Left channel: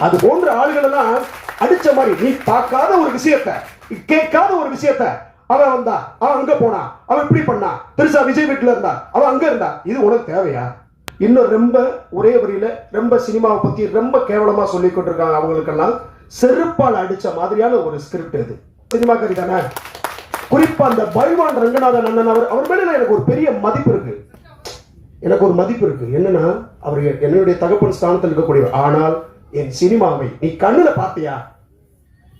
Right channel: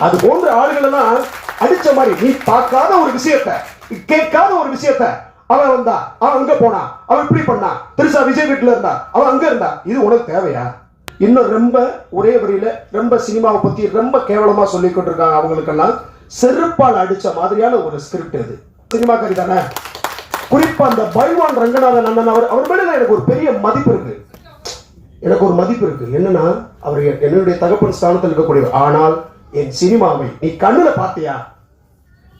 அது போன்ற ஆளுகள் எல்லாம் அடிச்ச மாதிரி நீ பார்க்காத ஒரு விஷயத்த கேட்காத ஒரு விஷயத்த அவன் வந்தா அவன் அங்க போனா அவன் இப்படி பண்ணா திருசா விஜய் வீட்டுல இருந்தா அவன் அங்க இருந்தா இது உனக்கு தேவையா? இன்னும் ரொம்ப ஒரே வரியில ரொம்ப சினிமாவை பத்தி ரொம்ப கேவலமா சொல்லிக்கிட்டு இருக்காங்க அவங்களுக்கெல்லாம் செருப்பால் அடிச்ச மாதிரியான ஒரு ஸ்கிரிப்ட் இது. சினிமா கறி தானே? குறிப்பா அந்த பைவான் ரங்கநாதன் அண்ணன் அவர் அவர் மேல எனக்கு ஒரு பெரிய மதிப்பு இருக்கு. எனக்கு ஒரு மதிப்பு இருக்கு. என்னன்னா அவர் என்னுடைய தகப்பன் ஸ்தானத்தில் இருக்கக்கூடியவர். ஆனால் என் சினிமாவை நீ கண்ணுல பார்த்தியா?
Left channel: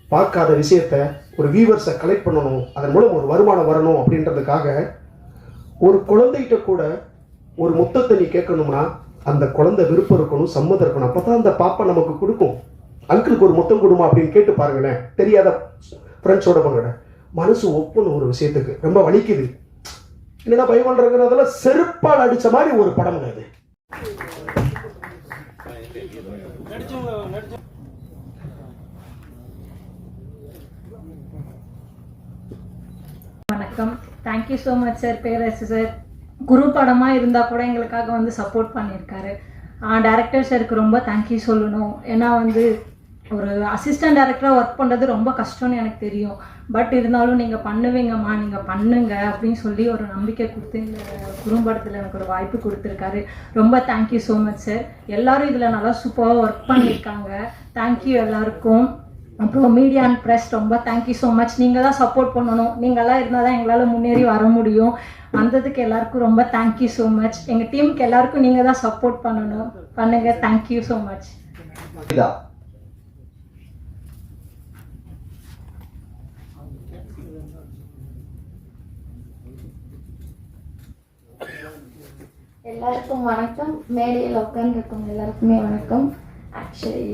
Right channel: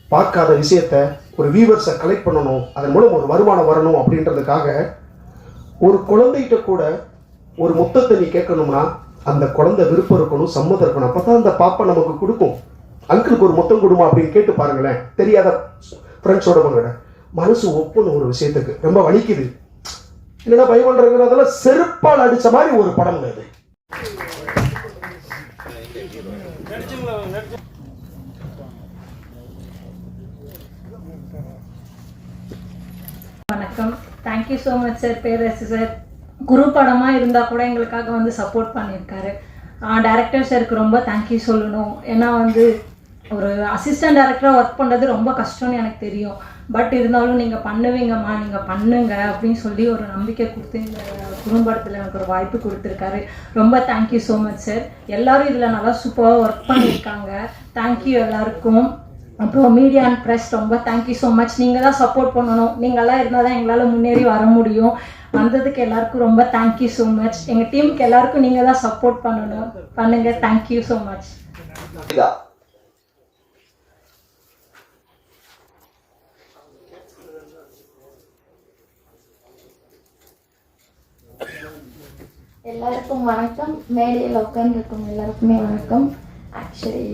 பார்க்காத விஷயத்த ஒரு வியூவர்ஸை கலெக்ட் பண்ணணும் அதன் மூலம் ஒரு வருமானம் வரணும் அப்படின்றதுக்காக ஒரு குழந்தைகிட்ட கூட ஒரு முத்தத்தை நீ கேட்கணும்னா அந்த குழந்தை விருப்பம் இருக்கணும் சம்மதம் இருக்கணும். அப்பதான் அந்த பாப்பா நமக்கு கொடுக்கும். அங்கிளுக்கு ஒரு முத்தம் கொடுமா அப்படின்னு கேட்டு பாருங்களேன். தெரியாத ஃப்ரெண்ட்ஸோட பண்ண மனசு ஒப்புன்னு ஒரு விஷயத்துக்கு. ரொம்ப வலிக்குது. இல்லைன்னா பயமன்றதுனால செருப்பால் அடிச்ச மாதிரி ஒரு படம் அது. வணக்கம். Thank you so much sir Perarasu sir Guru படமாக இருந்தால் கூட எங்களுக்காக வந்து சப்போர்ட் பண்ணியிருக்காரு. டேரக்டர் சாருக்கு ரொம்ப தேங்க்யூ சொல்லணும். ஏன்னா வந்து ஒரு அசிஸ்டன்ட் டேரக்டராக ஒர்க் பண்ணுறது ரொம்ப கஷ்டம்னு எனக்கு தெரியும். பட் இருந்தாலும் நீங்கள் பண்ணுவீங்கம்மா நீங்கள் பண்ணுங்க அப்படின்னு சொல்லி ஒரு நம்பிக்கை கொடுத்து குறும்படத்தில் எனக்கு ஒரு வாய்ப்பு கொடுத்துருக்காரு. ரொம்ப தேங்க்யூ ஸோ மச் சார் எல்லாரும் இதில் நல்லா சூப்பராக ஒர்க் பண்ணியிருக்காங்க. தேங்க்யூ எல்லாருக்கும். அப்புறம் மீடியா அண்ட் ப்ரெஸ் ரொம்ப தேங்க்யூ ஸோ மச் நீங்கள் தான் சப்போர்ட் பண்ணணும். நீங்கள்லாம் இருந்தால் தான் எங்களால் முன்னேறி வர முடியும். வந்ததுக்கு எல்லாருக்கும் ரொம்ப தேங்க்யூ ஸோ மச் எங்கள் டீமுக்கு எல்லாருக்கும் நீங்கள் தான் சப்போர்ட் பண்ணணும். பண்ணுங்க. தேங்க்யூ ஸோ மச் எல்லாருக்கும் வணக்கம். மேடையில் உட்காந்துருக்கவங்க எல்லாருக்குமே வணக்கம். Actually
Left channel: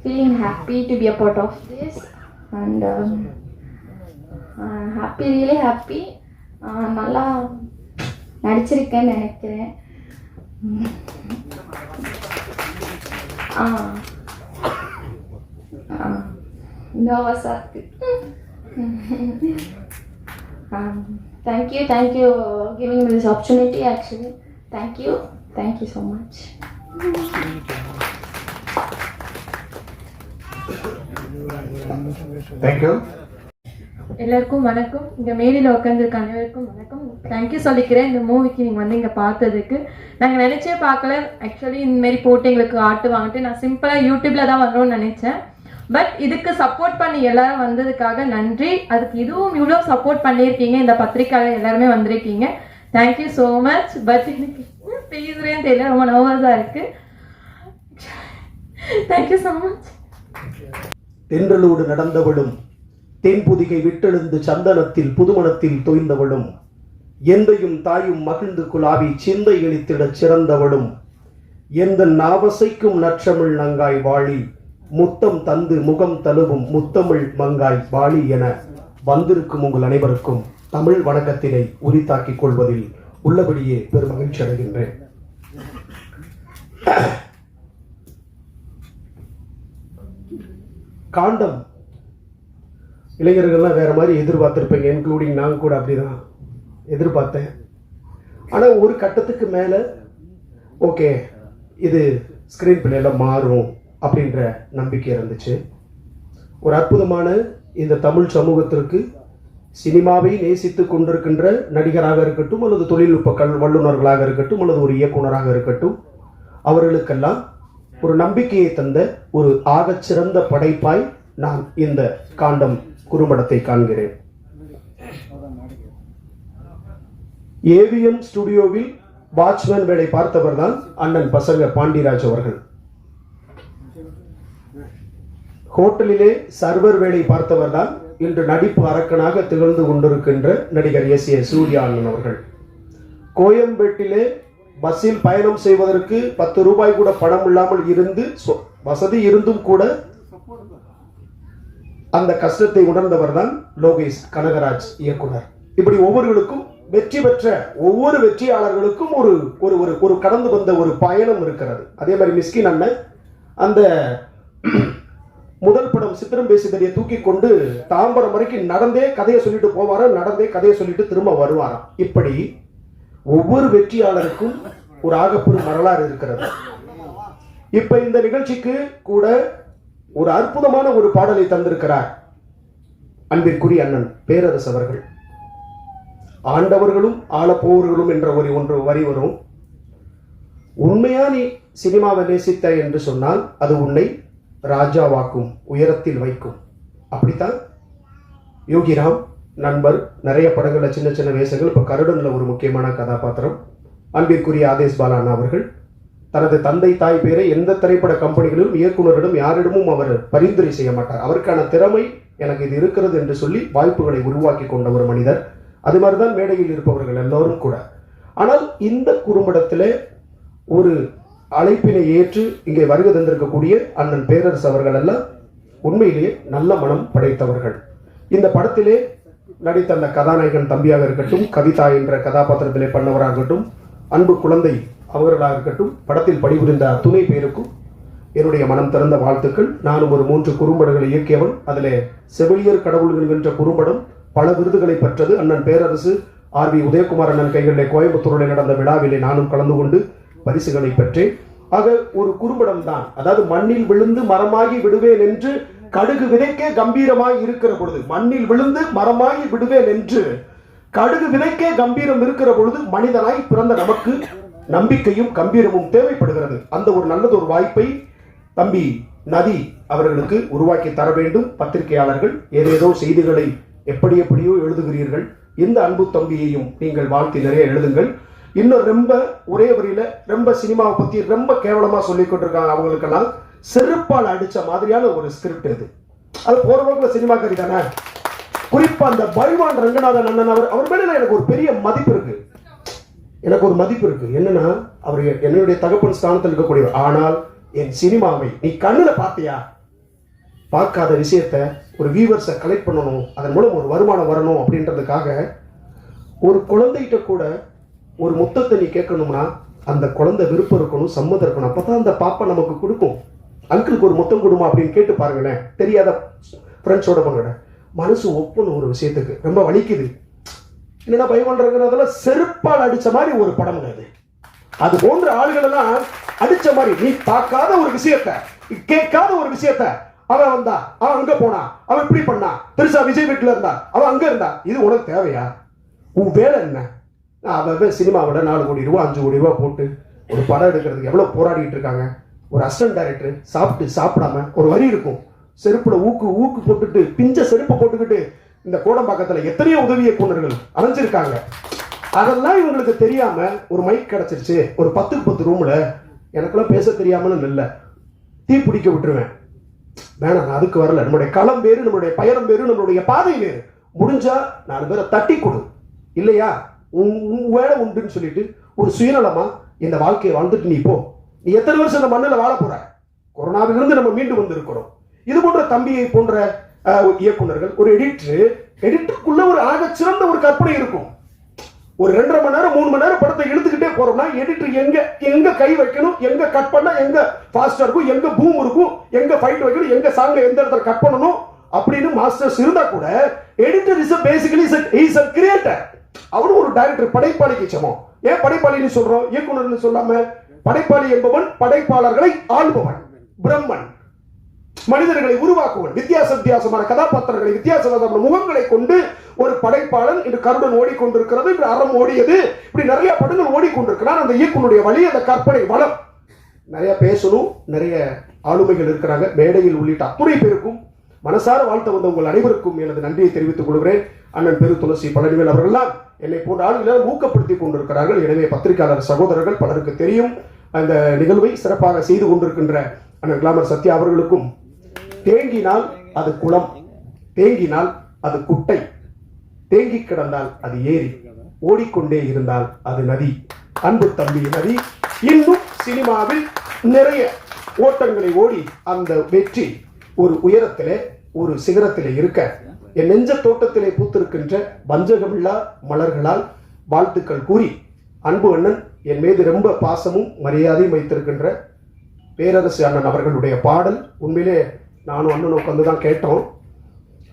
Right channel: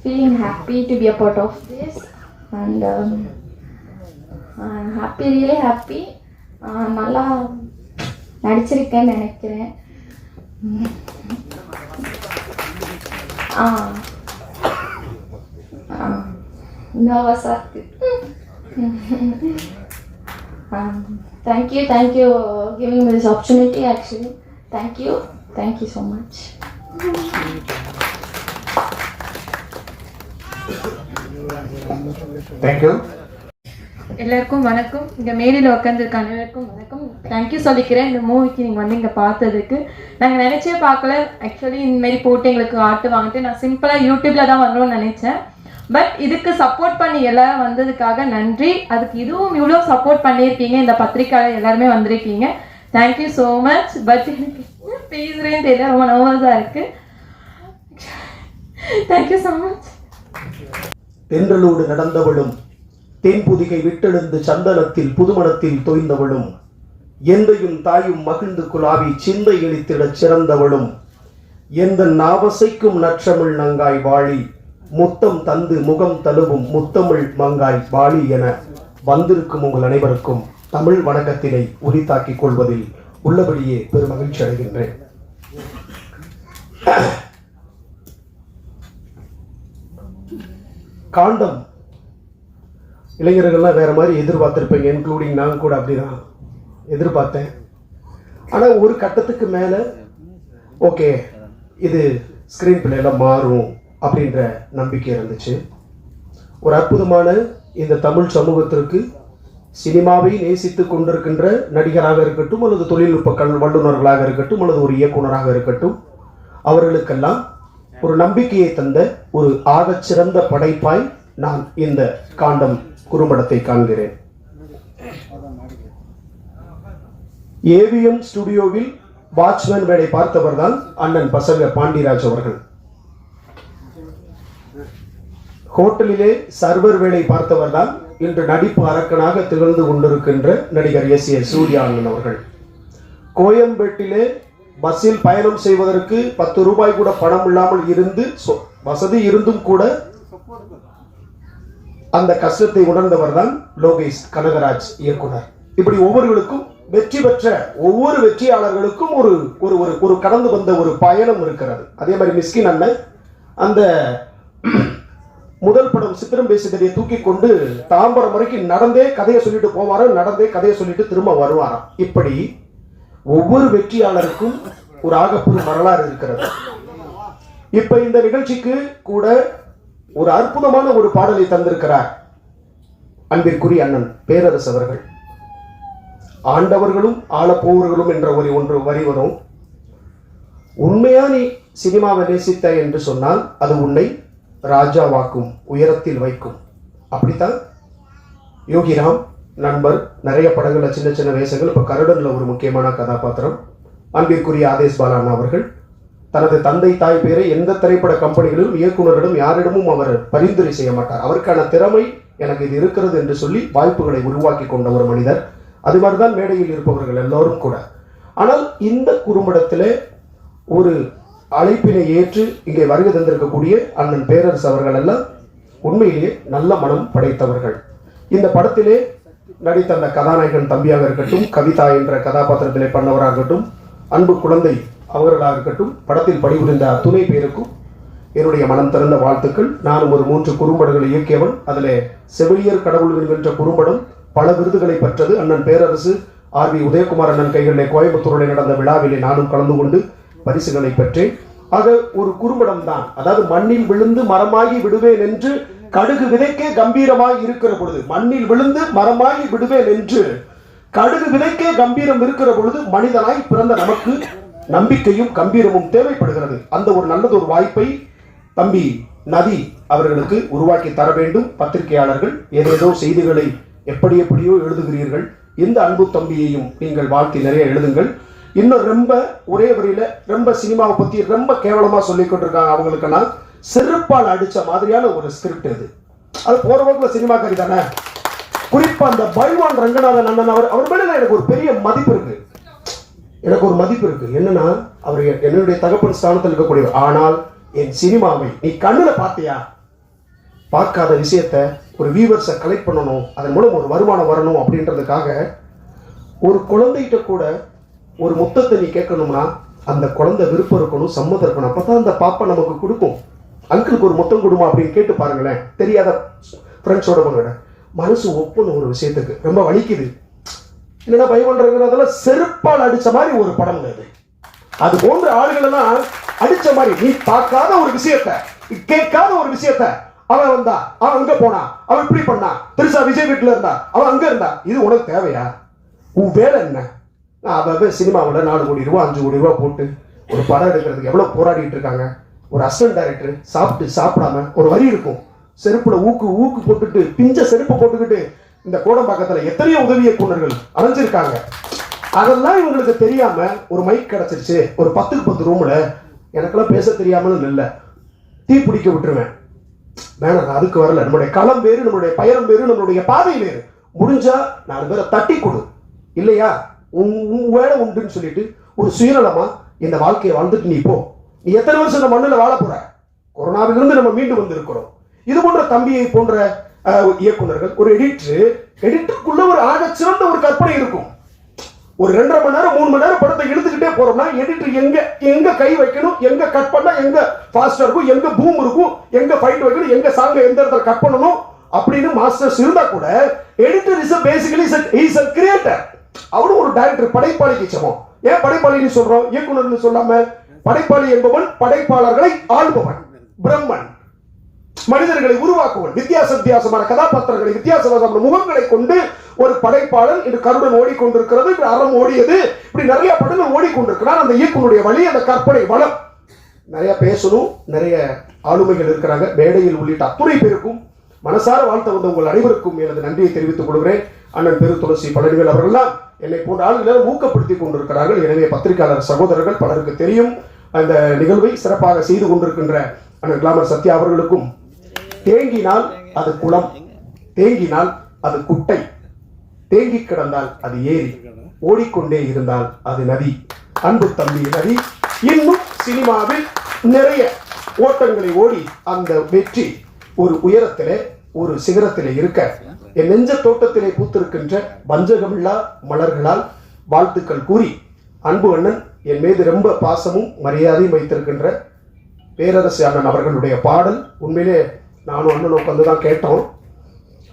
feeling happy to be a part of this and happy really happy நல்லா நடிச்சிருக்கேன்னு நினைக்கிறேன். Uh, uh, நர்வஸாக இருக்கு. Um, thank you, thank you uh, giving me this opportunity actually. Thank you, thank you so much. Thank you எல்லாருக்கும் வணக்கம். இங்கே மேடையில் உட்காந்துருக்க அனைவருக்கும் வணக்கம். தேங்க்யூ சொல்லிக்கிறேன். இந்த மூவிக்கு நீங்கள் வந்து இங்கே பார்த்ததுக்கு. நாங்கள் நினச்சே பார்க்கல. ஆக்சுவலி இந்தமாரி போட்டு எங்களுக்கு ஆட்டு வாங்கிட்டு நான் சிம்பிளாக யூடியூப்பில் தான் வரணும்னு நினச்சேன். பட் இதுக்கு சப்போர்ட் பண்ணி எல்லாரும் வந்ததுக்காக நன்றி. அதுக்கு இதுவும் இவ்வளோ சப்போர்ட் பண்ணியிருக்கீங்க. இந்த பத்திரிக்கையாளர் எல்லாருமே வந்திருக்கீங்க. தேங்க்யூ ஸோ மச் பட் எனக்கு என்ன பேசுகிறேன்னு தெரியல. ரொம்ப நர்வஸாக இருக்குது தேங்க்யூ ஸோ மச் தென்றலோடு நடந்தவளும் தென்புதிகை விட்டெழுந்து சந்தனத்தில் புதுமணத்தில் தோய்ந்தவளும் எந்தையும் தாயும் மகிழ்ந்து குலாவி சிந்தை இழித்திடச் சிறந்தவளும் எந்த நாவசைக்கும் நற்றமிழ் நங்காய் வாழி முத்தம் தந்து முகம் தழுவும் முத்தமிழ் மங்காய் பாலி என வந்திருக்கும் உங்கள் அனைவருக்கும் தமிழ் வணக்கத்தினை உரித்தாக்கிக் கொள்வதில் உள்ளபடியே பெருமகிழ்ச்சி அடைகின்றேன். காண்டம். இளைஞர்கள்லாம் வேற மாதிரி எதிர்பார்த்துருப்பீங்க இன்க்ளூடிங் நான் கூட அப்படிதான் எதிர்பார்த்தேன். ஆனால் ஒரு கட்டத்துக்கு மேலே ஓகே இது ஸ்க்ரீன் பிளேல மாறும். அப்படின்ற நம்பிக்கை இருந்துச்சு. ஒரு அற்புதமான இந்த தமிழ் சமூகத்திற்கு சினிமாவை நேசித்து கொண்டிருக்கின்ற நடிகராக இருக்கட்டும் அல்லது தொழில்நுட்ப கல் வல்லுநர்களாக இருக்கட்டும் அல்லது ஒரு இயக்குனராக இருக்கட்டும் அவர்களுக்கெல்லாம் ஒரு நம்பிக்கையை தந்த ஒரு ஆகச்சிறந்த படைப்பாய் நான் இந்த காண்டம் குறும்படத்தை காண்கிறேன். ஏவிஎம் ஸ்டுடியோவில் வாட்ச்மேன் வேலை பார்த்தவர் தான் அண்ணன் பசங்க பாண்டிராஜ் அவர்கள். ஹோட்டலிலே சர்வர் வேலை பார்த்தவர் தான் இன்று நடிப்பு அரக்கனாக திகழ்ந்து கொண்டிருக்கின்ற நடிகர் எஸ் ஏ சூர்யா அண்ணன் அவர்கள். கோயம்பேட்டிலே பஸ்ஸில் பயணம் செய்வதற்கு பத்து ரூபாய் கூட பணம் இல்லாமல் இருந்து வசதி இருந்தும் கூட அந்த கஷ்டத்தை உணர்ந்தவர் தான் லோகேஷ் கனகராஜ் இயக்குனர். இப்படி ஒவ்வொருவருக்கும் வெற்றி பெற்ற ஒவ்வொரு வெற்றியாளர்களுக்கும் ஒரு ஒரு ஒரு ஒரு கடந்து வந்த ஒரு பயணம் இருக்கிறது. அதே மாதிரி மிஸ்கின் அண்ணன் அந்த முதல் படம் சித்திரம் பேசுகிறதைய தூக்கி கொண்டு தாம்பரம் வரைக்கும் நடந்தே கதையை சொல்லிட்டு போவாராம் நடந்தே கதையை சொல்லிட்டு திரும்ப வருவாராம் இப்படி ஒவ்வொரு வெற்றியாளருக்கும் ஒரு ஆகப்பெரும் வரலாறு இருக்கிறது. இப்ப இந்த நிகழ்ச்சிக்கு கூட ஒரு அற்புதமான ஒரு பாடலை தந்திருக்கிறார் அன்பிற்குரிய அண்ணன் பேரரசு அவர்கள். ஆண்டவர்களும் ஆளப்போவர்களும் என்ற ஒரு ஒன்று வரி வரும். உண்மையா நீ சினிமாவை நேசித்த என்று சொன்னால் அது உன்னை ராஜாவாக்கும் உயரத்தில் வைக்கும். அப்படித்தான் யோகிராம் நண்பர் நிறைய படங்களில் சின்ன சின்ன வேஷங்கள். இப்போ கருடனில் ஒரு முக்கியமான கதாபாத்திரம். அன்பிற்குரிய ஆதேஷ் பாலான் அவர்கள். தனது தந்தை தாய் பேரை எந்த திரைப்பட கம்பெனிகளிலும் இயக்குநரிடம் யாரிடமும் அவர் பரிந்துரை செய்ய மாட்டார். அவருக்கான திறமை எனக்கு இது இருக்கிறது என்று சொல்லி வாய்ப்புகளை உருவாக்கி கொண்ட ஒரு மனிதர். அது மாதிரிதான் மேடையில் இருப்பவர்கள் எல்லோரும் கூட. ஆனால் இந்த குறும்படத்தில் ஒரு அழைப்பினை ஏற்று இங்கே வருகை தந்திருக்கக்கூடிய அண்ணன் பேரரசு அவர்கள் எல்லாம் உண்மையிலேயே நல்ல மனம் படைத்தவர்கள். இந்த படத்திலே நடித்த அந்த கதாநாயகன் தம்பியாக இருக்கட்டும் கவிதா என்ற கதாபாத்திரத்திலே பண்ணவராக இருக்கட்டும் அன்பு குழந்தை அவர்களாக இருக்கட்டும் படத்தில் பணிபுரிந்த துணை பேருக்கும் என்னுடைய மனம் திறந்த வாழ்த்துக்கள். நானும் ஒரு மூன்று குறும்படங்களை இயக்கியவன். அதில் செவிலியர் கடவுள் என்கின்ற குறும்படம் பல விருதுகளை பெற்றது. அண்ணன் பேரரசு ஆர் வி உதயகுமார் அண்ணன் கைகளிலே கோயம்புத்தூரில் நடந்த விழாவிலே நானும் கலந்து கொண்டு பரிசுகளை பெற்றேன் ஆக ஒரு குறும்படம் தான் அதாவது மண்ணில் விழுந்து மரமாகி விடுவேன் என்று கடுகு விதைக்கே கம்பீரமாய் இருக்கிற பொழுது மண்ணில் விழுந்து மரமாகி விடுவேன் என்று கடுகு விதைக்கே கம்பீரம் இருக்கிற பொழுது மனிதனாய் பிறந்த நமக்கு நம்பிக்கையும் கம்பீரமும் தேவைப்படுகிறது. அந்த ஒரு நல்லது ஒரு வாய்ப்பை தம்பி நதி அவர்களுக்கு உருவாக்கி தர வேண்டும். பத்திரிகையாளர்கள் ஏதேதோ செய்திகளை எப்படி எப்படியோ எழுதுகிறீர்கள். இந்த அன்பு தம்பியையும் நீங்கள் வாழ்த்தி நிறைய எழுதுங்கள். இன்னும் ரொம்ப ஒரே வரியில ரொம்ப சினிமாவை பத்தி ரொம்ப கேவலமா சொல்லிக் கொண்டிருக்காங்க அவங்களுக்கெல்லாம் செருப்பால் அடிச்ச மாதிரியான ஒரு ஸ்கிரிப்ட் இது. அது போற சினிமா கறி தானே? குறிப்பா அந்த பைவான் ரங்கநாதன் அண்ணன் அவர் அவர் மேல எனக்கு ஒரு பெரிய மதிப்பு இருக்கு. எனக்கு ஒரு மதிப்பு இருக்கு. என்னன்னா அவர் என்னுடைய தகப்பன் ஸ்தானத்தில் இருக்கக்கூடியவர். ஆனால் என் சினிமாவை நீ கண்ணுல பார்த்தியா? பார்க்காத விஷயத்த ஒரு வியூவர்ஸை கலெக்ட் பண்ணணும். அதன் மூலம் ஒரு வருமானம் வரணும் அப்படின்றதுக்காக ஒரு குழந்தைகிட்ட கூட ஒரு முத்தத்தை நீ கேட்கணும்னா அந்த குழந்தை விருப்பம் இருக்கணும் சம்மதம் இருக்கணும். அப்பதான் அந்த பாப்பா நமக்கு கொடுக்கும். அங்கிளுக்கு ஒரு முத்தம் கொடுமா அப்படின்னு கேட்டு பாருங்களேன். தெரியாத ஃப்ரெண்ட்ஸோட பண்ணோட மனசு ஒப்பணும் ஒரு விஷயத்துக்கு. ரொம்ப வலிக்குது. இல்லைன்னா பயமன்றதுலாம் செருப்பால் அடிச்ச மாதிரி ஒரு படம் அது. அது போன்ற ஆளுகள் எல்லாம் அடிச்ச மாதிரி நீ பார்க்காத ஒரு விஷயத்த கேட்காத ஒரு விஷயத்த அவன் வந்தா அவன் அங்க போனா அவன் இப்படி பண்ணா பெருசா விஜய் வீட்டுல இருந்தா அவன் அங்க இருந்தா இது உனக்கு தேவையா? உன் வேலை என்ன? அவன் சினிமாவில் நாலு கோடி ரூபா அஞ்சு கோடி ரூபா போட்டு ஒரு படம் எடுக்கிறதுக்கு எவ்வளோ போராடிட்டு இருக்காங்க? ஒரு அசிஸ்டன்ட் டைரக்டர் சாப்பிட்டு சாப்பிடாம ஒரு வரி இருக்கும். செருப்புல ஊக்கு ஊக்கு போட்டுட்டு பிஞ்ச செருப்பு போட்டுக்கிட்டு இந்த கோடம்பாக்கத்தில் எத்தனையோ உதவி இயக்குநர்கள் அலைஞ்சிருக்காங்க. அதெல்லாம் இவங்களுக்கு தெரியாம ஒரு மைக் கிடச்சிருச்சு. ஒரு பத்துக்கு பத்து ரூம்ல எனக்கெல்லாம் பேச தெரியாமலும் இல்லை. தீ பிடிக்க விட்டுருவேன். வேணாம் நான் அதுக்கு வரல. நம்மளுடைய களம் வேறு நம்மளுடைய பயணம் வேறு நம்மளுடைய பாதை வேறு. முடிஞ்சா நாலு பேரை தட்டி கொடு. இல்லையா? உன் உன் வேலை உண்டுன்னு சொல்லிட்டு ஒரு சுயநலமா இந்த வாழ்க்கையை வாழ்ந்துட்டு நீ போ. நீ எத்தனை வருஷம் இந்த மண்ணில் வாழ போற? கொரோனாவிலிருந்து நம்ம மீண்டு வந்திருக்கிறோம். இது போன்ற தம்பியை போன்ற இயக்குநர்கள் இயக்குனர்கள் ஒரு எடிட்டர் எடிட்டருக்குள்ள ஒரு ஆக சிறந்த ஒரு கற்பனை இருக்கும். ஒரு ரெண்டரை மணி நேரம் மூணு மணி நேரம் படத்தை எடுத்துக்கிட்டே போறோம்னா எடிட்டர் எங்க எங்க கை வைக்கணும் எங்க கட் பண்ணா எங்க ஃபாஸ்டா இருக்கும் எங்க பூம் இருக்கும் எங்க ஃபைட் வைக்கணும் எங்க சாங்க எந்த இடத்துல கட் பண்ணணும் அப்படின்னு மாஸ்டர்ஸ் இருந்தா கூட editor is basically is a creator அவரும் ஒரு டைரக்டர் படைப்பாளிக்கு சமம். ஏன் படைப்பாளின்னு சொல்றோம்? இயக்குனர்னு சொல்லாம படைப்பாளி என்பவன் படைப்பாளர்களை ஆள்பவன் பிரம்மன். மனிதர்களை உருவாக்குவன் வித்தியாச வித்தியாசமான கதாபாத்திரங்களை வித்தியாசமான முகங்களை கொண்டு ஒரு படைப்பாளன் இன்று கருடன் ஓடிக்கொண்டிருக்கிறது இன்று அறம் ஓடியது. இப்படி நிறைய படங்கள் ஓடிக்கொண்டிருக்கிறார் அந்த இயக்குனுடைய வழி அந்த கற்பனை வளம். நிறைய பேசணும் நிறைய ஆளுமைகள் இருக்கிறாங்க. மேடையில் உள்ளிட்ட அத்துணை பேருக்கும் மனசார வாழ்த்த வந்த உங்கள் அனைவருக்கும் எனது நன்றியை தெரிவித்துக் கொள்கிறேன். அண்ணன் பெரு துளசி பழனிகள் அவர்கள்லாம் என்னை போன்ற ஆளுநர் ஊக்கப்படுத்திக் கொண்டிருக்கிறார்கள். எனவே பத்திரிகையாளர் சகோதரர்கள் பலருக்கு தெரியும் அந்த நிகழ்வை சிறப்பாக செய்து கொண்டிருக்கின்ற அண்ணன் கிளாமர் சத்யா அவர்களுக்கும். தேங்கினால் அது குளம் தேங்கினால் அது குட்டை தேங்கி கிடந்தால் அது ஏரி ஓடிக்கொண்டே இருந்தால் அது நதி. அன்பு தம்பி நதி இன்னும் சினிமாவில் நிறைய ஓட்டங்களை ஓடி அந்த வெற்றி ஒரு உயரத்திலே ஒரு சிகரத்தில் இருக்க என் நெஞ்ச தோட்டத்திலே பூத்திருக்கின்ற வஞ்சகமில்லா மலர்களால் வாழ்த்துக்கள் கூறி அன்பு அண்ணன் என் மீது ரொம்ப பாசமும் மரியாதையும் வைத்திருக்கின்ற பேரரசு அண்ணன் அவர்களுடைய பாடல். உண்மையிலே நானும் அண்ணன் உட்காந்து தான் கேட்டோம்.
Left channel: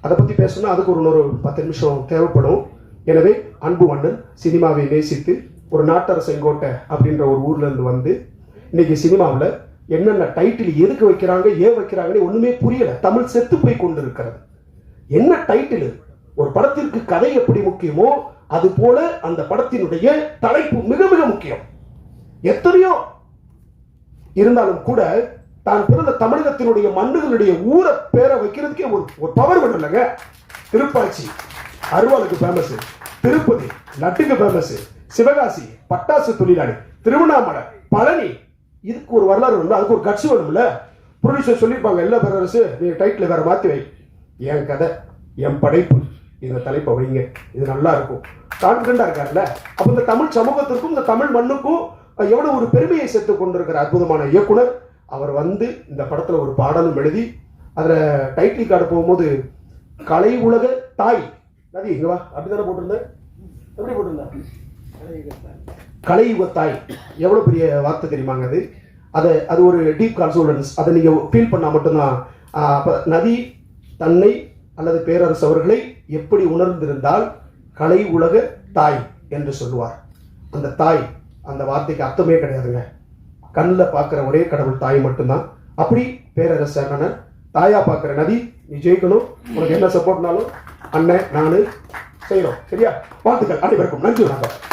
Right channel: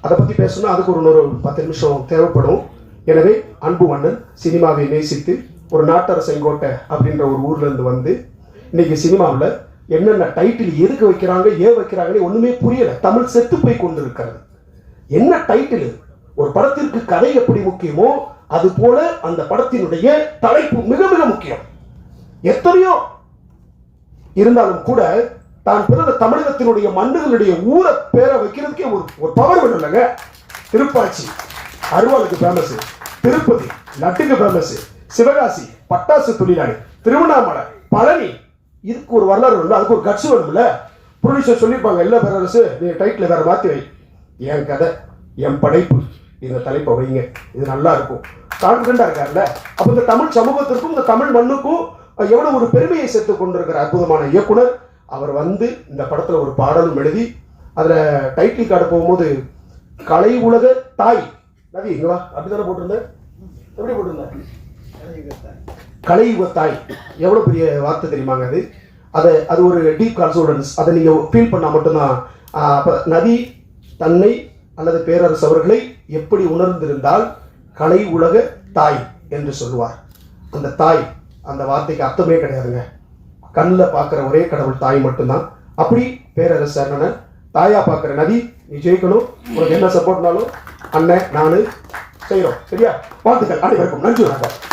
அதை பற்றி பேசணும்னா அதுக்கு ஒரு இன்னொரு பத்து நிமிஷம் தேவைப்படும். எனவே அன்பு அண்ணன் சினிமாவை நேசித்து ஒரு நாட்டரசன் கோட்டை அப்படின்ற ஒரு ஊர்லேருந்து வந்து இன்னைக்கு சினிமாவில் என்னென்ன டைட்டில் எதுக்கு வைக்கிறாங்க ஏன் வைக்கிறாங்கன்னு ஒண்ணுமே புரியலை. தமிழ் செத்து போய் கொண்டு இருக்கிறது என்ன டைட்டில் ஒரு படத்திற்கு கதை எப்படி முக்கியமோ அது போல அந்த படத்தினுடைய தலைப்பு மிக மிக முக்கியம். எத்தனையோ இருந்தாலும் கூட தான் பிறந்த தமிழகத்தினுடைய மண்ணுகளுடைய ஊரை பேரை வைக்கிறதுக்கே ஒரு ஒரு பவர் வேணும் இல்லைங்க திருப்பாச்சி அருவாளுக்கு ஃபேமஸ் திருப்பதி நட்டுக்கு ஃபேமஸ் சிவகாசி பட்டாசு தொழிலாளி. திருவண்ணாமலை பழனி இதுக்கு ஒரு வரலாறு வேணும் அதுக்கு ஒரு கட்சி வேணும்ல ப்ரொடியூசர் சொல்லியிருப்பாங்க எல்லா பேரரசு நீங்கள் டைட்டில் வேறு மாற்றி வை. என் கதை என் படைப்பு. இந்த தலைப்பை வைங்க. இது நல்லா இருக்கும். கான்ஃபிடண்டாக இருக்காருல்ல? அப்போ இந்த தமிழ் சமூகத்திற்கும் இந்த தமிழ் மண்ணுக்கும் எவ்வளோ ஒரு பெருமையை சேர்த்து கொண்டிருக்கிற அற்புதமான இயக்குனர் அவர் வந்து இந்த படத்தில் ஒரு பாடலும் எழுதி அதில் டைட்டில் கார்டு போகும்போது கலை உலக தாய். நதி இங்கே வா. அப்படிதானே போட்டிருந்தேன்? எப்படி போட்டிருந்தேன்? கலை யுக எவ்வளோ பெரிய வார்த்தை தெரியுமாங்க அது? அதை அது ஒரு டீப் கான்சோலன்ஸ் அதை நீங்கள் ஃபீல் பண்ணால் மட்டும்தான் அப்போ நதி தன்னை அல்லது பேரரசு அவர்களை எப்படி உணர்ந்திருந்தால் கலை உலக தாய் என்று சொல்லுவார். அந்த தாய் அந்த வார்த்தைக்கு அர்த்தமே கிடையாதுங்க. கண்ணில் பார்க்குற ஒரே கடவுள் தாய் மட்டும்தான். அப்படி பேரரசர் நான் தாயா பார்க்குற நதி நீ ஜெயிக்கணும். உனக்கு என்ன சப்போர்ட்னாலும் அண்ணன் நான் செய்கிறோம் சரியா? வாழ்த்துக்கள். அனைவருக்கும் நன்றி வணக்கம்.